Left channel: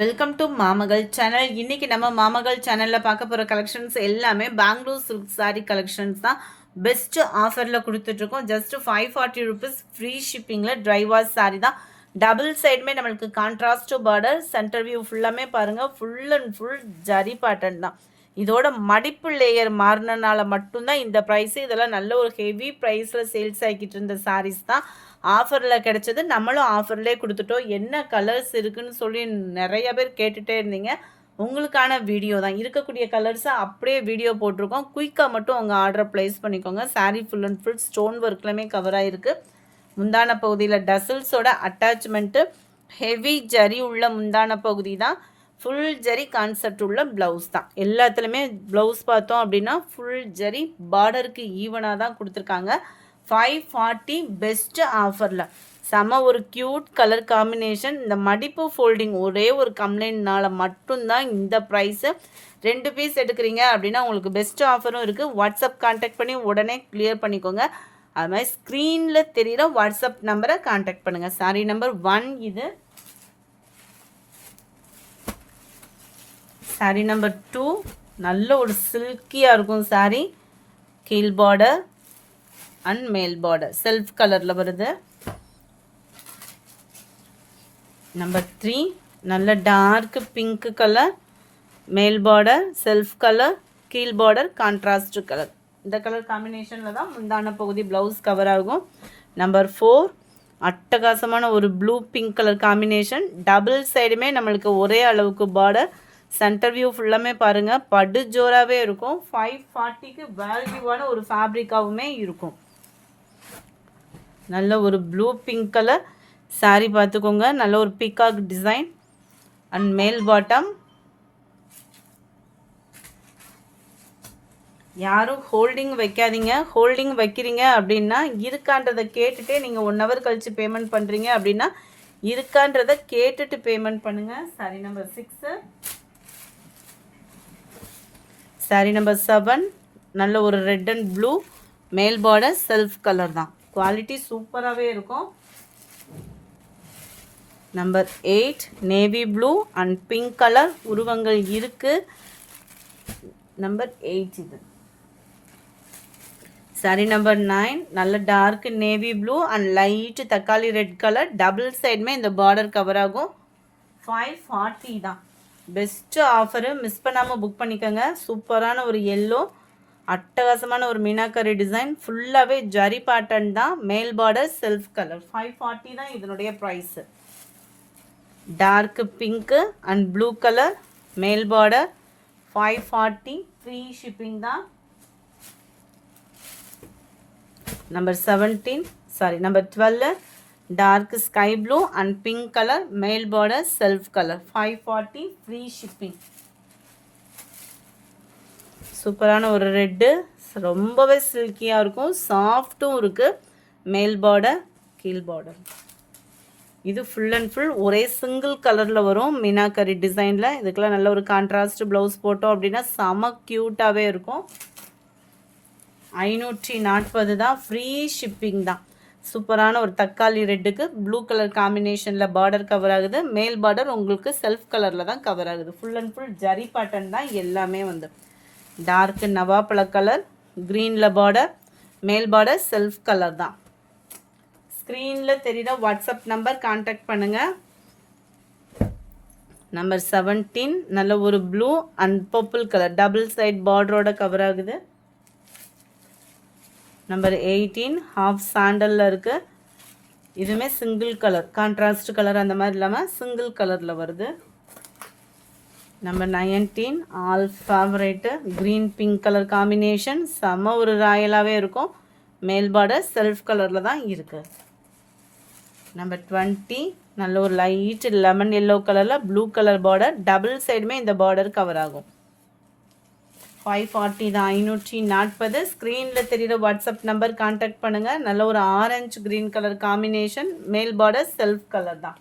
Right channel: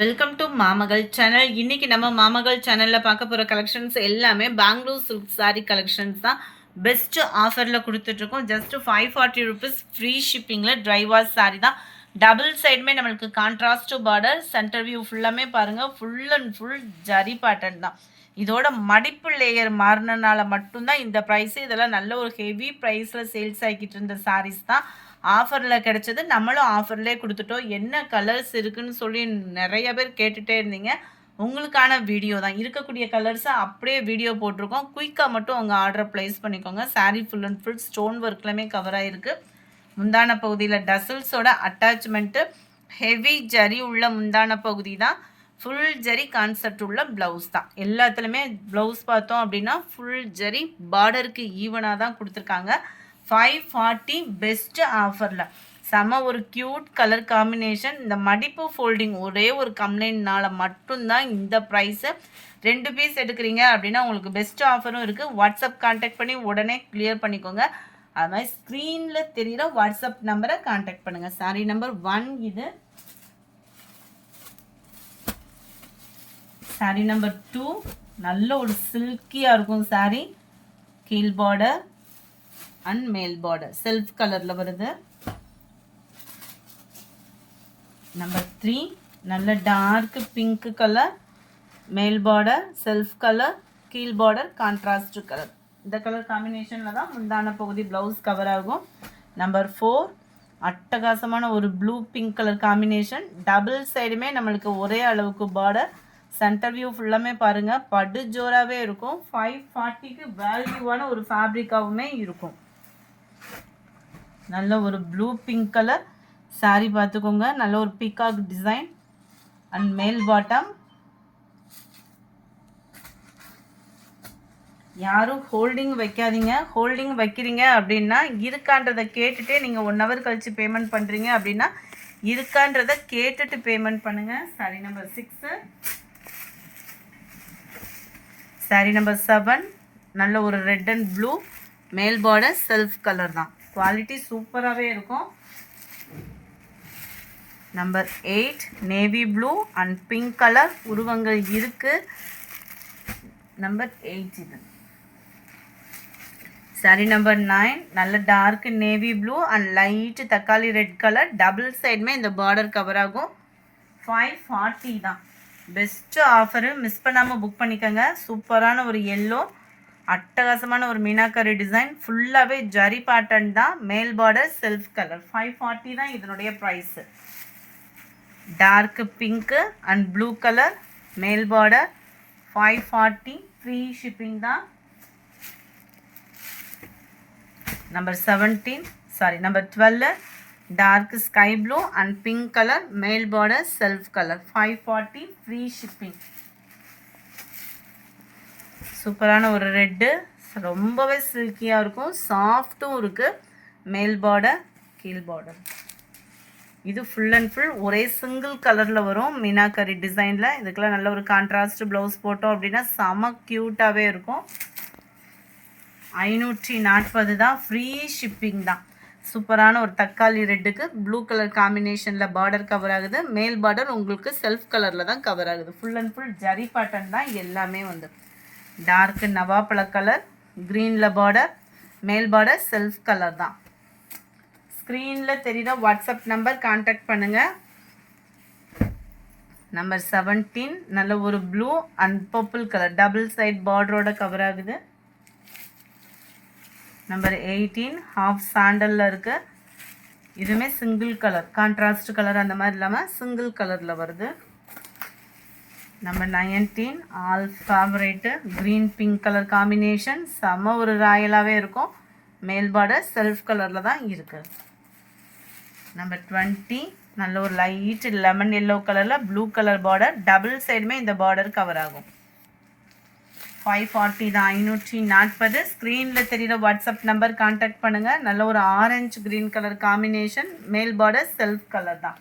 Welcome to மாமகள் channel. இன்னைக்கு நம்ம மாமகள் சேனல்ல பார்க்க போற கலெக்ஷன்ஸ் எல்லாமே பெங்களூர் சில்க் சாரி கலெக்ஷன்ஸ் தான். பெஸ்ட் ஆஃபர்ல கொடுத்துட்டு இருக்கோம். ஜஸ்ட் 540 rupees ஃப்ரீ ஷிப்பிங்ல ட்ரை வாஷ் சாரி தான். டபுள் சைடுமே நம்மளுக்கு கான்ட்ராஸ்ட் பார்டர், சென்டர் வியூ ஃபுல்லாமே பாருங்க, full and full zari pattern தான். இதோட மடிப்பு லேயர் மாறினால மட்டும்தான் இந்த ப்ரைஸ். இதெல்லாம் நல்ல ஒரு ஹெவி ப்ரைஸில் சேல்ஸ் ஆகிக்கிட்டு இருந்த சாரீஸ் தான். ஆஃபரில் கிடச்சது, நம்மளும் ஆஃபர்லேயே கொடுத்துட்டோம். என்ன கலர்ஸ் இருக்குன்னு சொல்லி நிறைய பேர் கேட்டுகிட்டே இருந்தீங்க. உங்களுக்கான வீடியோ தான். இருக்கக்கூடிய கலர்ஸை அப்படியே வீடியோ போட்டிருக்கோம். குயிக்காக மட்டும் உங்கள் ஆர்டரை ப்ளேஸ் பண்ணிக்கோங்க. Sari full and full stone ஒர்க்லையுமே கவர் ஆகிருக்கு. முந்தான பகுதியில் டசல்ஸோட அட்டாச்மெண்ட்டு, ஹெவி ஜரி உள்ள முந்தான பகுதி தான். ஃபுல் ஜரி கான்செப்ட் உள்ள ப்ளவுஸ் தான். எல்லாத்துலேயுமே ப்ளவுஸ் பார்த்தோம் அப்படின்னா ஃபுல் ஜரி பார்டருக்கு ஈவனாக தான் கொடுத்துருக்காங்க. 540 பெஸ்ட் ஆஃபரில் செம ஒரு க்யூட் கலர் காம்பினேஷன். இந்த மடிப்பு ஃபோல்டிங் ஒரே ஒரு கம்ப்ளைண்ட்னால மட்டும்தான் இந்த ப்ரைஸு. 2 பீஸ் எடுக்கிறீங்க அப்படின்னா உங்களுக்கு பெஸ்ட் ஆஃபரும் இருக்குது. வாட்ஸ்அப் கான்டாக்ட் பண்ணி உடனே கிளியர் பண்ணிக்கோங்க. அது மாதிரி ஸ்க்ரீனில் தெரிகிற வாட்ஸ்அப் நம்பரை கான்டாக்ட் பண்ணுங்கள். சாரி நம்பர் 1 இது. சாரி நம்பர் 2 நல்ல ஒரு சில்கியாக இருக்கும் சாரி. கீழ் பார்டர் அண்ட் மேல் பார்டர் செல்ஃப் கலரில் வருது. நம்பர் 3 நல்ல டார்க் பிங்க் கலர், மேல் பார்டர் செல்ஃப் கலர், கீழ் பார்டர் கான்ட்ராஸ்ட் கலர். இந்த கலர் காம்பினேஷனில் தான் முந்தான பகுதி ப்ளவுஸ் கவர் ஆகும். நம்பர் 4 அட்டகாசமான ஒரு blue pink colour combination. Double சைடுமே நம்மளுக்கு ஒரே அளவுக்கு பார்டர். சென்டர் வியூ ஃபுல்லாமே பாருங்கள், படு ஜோராகவே இருக்கும். 540க்கு வேல்யூவான ஒரு ஃபேப்ரிக்காகவுமே இருக்கும். நல்ல ஒரு ப்ளூ பிங்க் கலர் சாரி பார்த்துக்கோங்க. நல்ல ஒரு பீகாக் டிசைன் அண்ட் மேல் பாட்டம். யாரும் ஹோல்டிங் வைக்காதீங்க. ஹோல்டிங் வைக்கிறீங்க அப்படின்னா இருக்கான்றதை கேட்டுட்டு நீங்கள் 1 hour கழித்து பேமெண்ட் பண்ணுறீங்க அப்படின்னா இருக்கான்றதை கேட்டுட்டு பேமெண்ட் பண்ணுங்கள். Sorry number 6. சாரி நம்பர் 7 நல்ல ஒரு ரெட் அண்ட் ப்ளூ, மேல் பார்டர் செல்ஃப் கலர் தான். குவாலிட்டி சூப்பராகவே இருக்கும். Number 8 navy blue and pink colour உருவங்கள் இருக்குது. நம்பர் 8 இது. சாரி நம்பர் 9 நல்ல dark navy blue and light தக்காளி ரெட் கலர். டபுள் சைடுமே இந்த பார்டர் கவர் ஆகும். 540 தான். பெஸ்ட்டு ஆஃபரு, மிஸ் பண்ணாமல் புக் பண்ணிக்கோங்க. சூப்பரான ஒரு எல்லோ, அட்டகாசமான ஒரு மீனாக்கரி டிசைன், ஃபுல்லாகவே ஜரி பேட்டர்ன் தான். மேல் பார்டர் செல்ஃப் கலர். 540 தான் இதனுடைய price. Dark pink and blue colour, மேல் பார்டர் 540 ஃப்ரீ ஷிப்பிங் தான். Number 12 dark sky blue and pink colour, மேல் border self colour. 540 free shipping. சூப்பரான ஒரு ரெட்டு, ரொம்பவே சில்கியாக இருக்கும், சாஃப்ட்டும் இருக்குது. மேல் பார்டர் கீழ் பார்டர். இது ஃபுல் அண்ட் ஃபுல் ஒரே சிங்கிள் கலரில் வரும் மீனாக்கரி டிசைனில். இதுக்கெல்லாம் நல்ல ஒரு கான்ட்ராஸ்ட் ப்ளவுஸ் போட்டோம் அப்படின்னா செம க்யூட்டாகவே இருக்கும். 540 தான். ஃப்ரீ ஷிப்பிங் தான். சூப்பரான ஒரு தக்காளி ரெட்டுக்கு ப்ளூ கலர் காம்பினேஷனில் பார்டர் கவர் ஆகுது. மேல் பார்டர் உங்களுக்கு செல்ஃப் கலரில் தான் கவர் ஆகுது. Full and full zari pattern தான் எல்லாமே. வந்து டார்க் நவாப்பழ கலர், க்ரீனில் பார்டர், மேல் பார்டர் செல்ஃப் கலர் தான். ஸ்க்ரீனில் தெரியுற வாட்ஸ்அப் நம்பர் கான்டாக்ட் பண்ணுங்கள். நம்பர் 17 நல்ல ஒரு blue and purple colour double side பார்டரோட கவர் ஆகுது. நம்பர் 18 ஹாஃப் சாண்டலில் இருக்குது. இதுவுமே சிங்கிள் கலர், கான்ட்ராஸ்ட் கலர் அந்த மாதிரி இல்லாமல் சிங்கிள் கலரில் வருது. Number 19 all favourite green pink colour combination. செம்ம ஒரு ராயலாகவே இருக்கும். மேல் பார்டர் செல்ஃப் கலரில் தான் இருக்குது. நம்பர் 20 நல்ல ஒரு லைட் லெமன் எல்லோ கலரில் ப்ளூ கலர் பார்டர். டபுள் சைடுமே இந்த பார்டர் கவர் ஆகும். 540 தான். 540. ஸ்க்ரீனில் தெரிகிற வாட்ஸ்அப் நம்பர் கான்டாக்ட் பண்ணுங்கள். நல்ல ஒரு ஆரஞ்சு க்ரீன் கலர் காம்பினேஷன். மேல் பார்டர் செல்ஃப் கலர் தான்.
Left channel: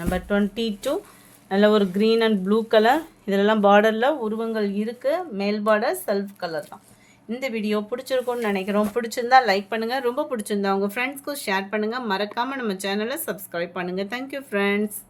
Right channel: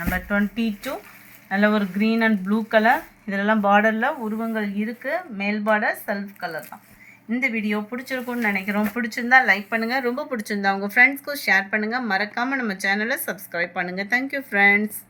நம்பர் 22 நல்ல ஒரு க்ரீன் அண்ட் ப்ளூ கலர். இதிலெல்லாம் பார்டரில் உருவங்கள் இருக்குது. மேல் பார்டர் செல்ஃப் கலர் தான். இந்த வீடியோ பிடிச்சிருக்கும்னு நினைக்கிறோம். பிடிச்சிருந்தா லைக் பண்ணுங்கள். ரொம்ப பிடிச்சிருந்தா உங்கள் ஃப்ரெண்ட்ஸ்க்கும் ஷேர் பண்ணுங்கள். மறக்காமல் நம்ம சேனலை சப்ஸ்கிரைப் பண்ணுங்கள். Thank you friends.